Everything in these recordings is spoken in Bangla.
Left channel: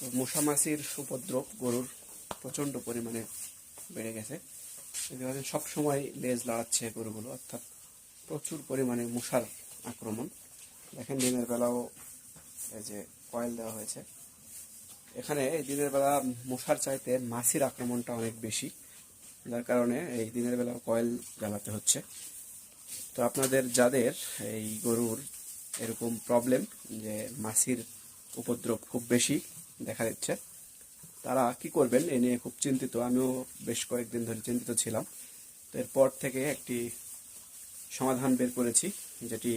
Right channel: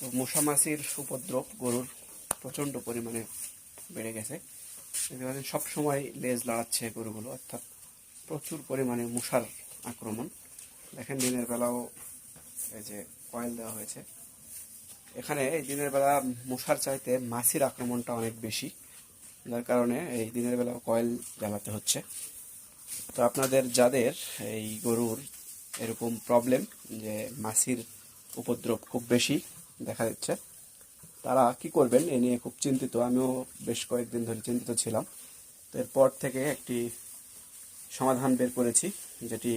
তো মশা মাছির উপদ্রব গরুর প্রচণ্ড পরিমাণে বেড়ে গেছে। সব সময় লেজ লাড়াচ্ছে গরুগুলো, অর্থাৎ প্রচুর পরিমাণে মশার আক্রমণ। দেখেন দিনের বেলাও এই যে কয়েল দেওয়া হয়েছে। এখানে এই দিনের বেলা মশার চাইতে মাছির আক্রমণটা অনেক বেশি, যার কারণে এই দিনের বেলা কয়েল জ্বালাতে হচ্ছে। তো আপনাদের যাদের এই গরুর এরকম প্রবলেম যে মাছির উপদ্রব খুব বেশি দেখা দিচ্ছে, তারা কি করবেন এ নিয়ে খুব চিন্তিত। আমিও বেশ কয়েকদিন ধরে চিন্তিত ছিলাম। তো এরপর থেকে একটি সমাধান বের করেছি, যেটি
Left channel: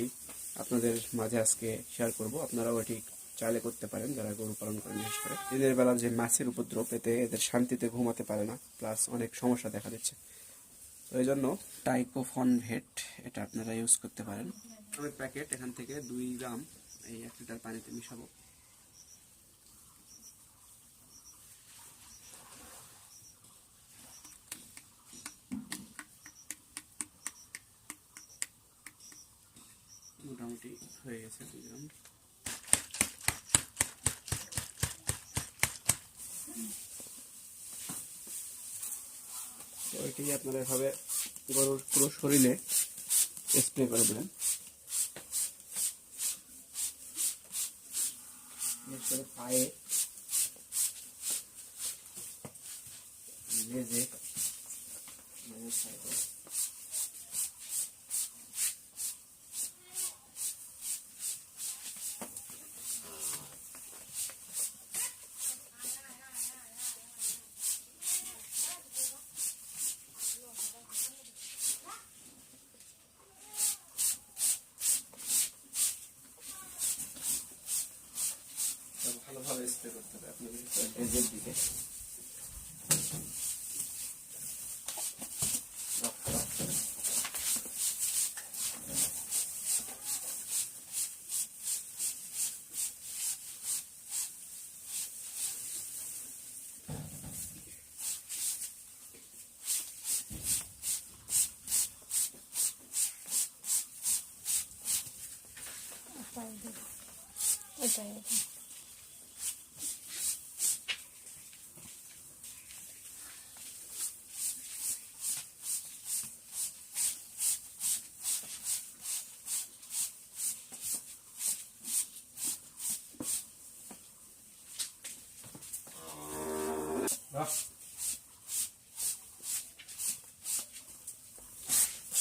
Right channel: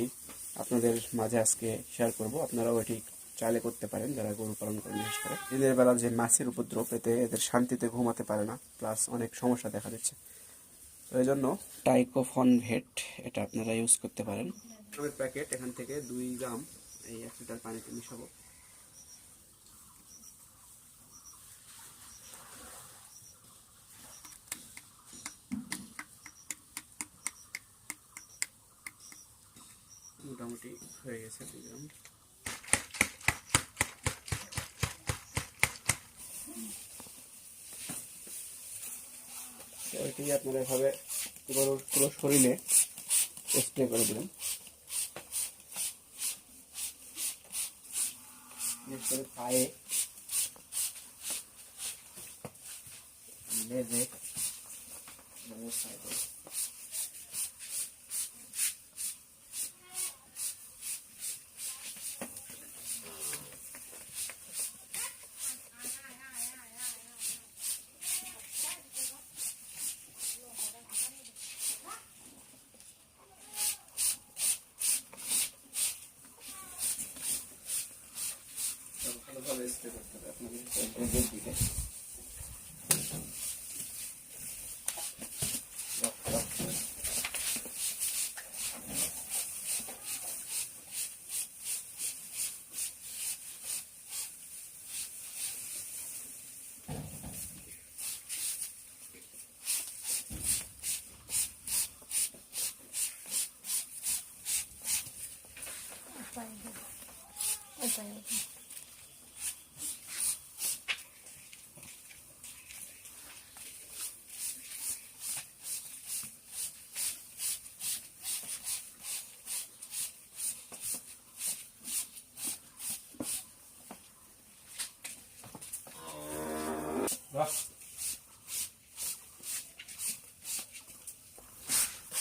আপনাদের মাঝে আজকে শেয়ার করব। আপনারাও এটি চাইলে করতে পারেন যারা গরু পালন করেন। বিশেষ করে দিনের বেলা যে মাছির উপদ্রব, এতে এদের শান্তিতে ঘুমাতে পারে না, প্লাস অনেক সমস্যা দেখা দিচ্ছে। তো এই জন্য টাইকোফন ভেট এটা আপনারা ইউজ করতে পারেন। আমাদের প্যাকেট এখান থেকে 2 গ্রাম এই 1 লিটার পানিতে মিশাবো। মোটামুটি হয়ে গেছে 2 গ্রাম। তো এটি আপনারা এভাবে পুরো শরীরে স্প্রে করে দেবেন, বিশেষ করে পায়ে, লেজে, ভালোভাবে স্প্রে করতে হবে আপনাদের লেজের দিকে।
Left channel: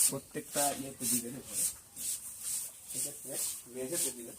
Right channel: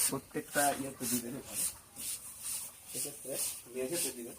প্রত্যেকটা ইয়েতে দিবেন, এক্ষেত্রে মেঝেতে দিবেন।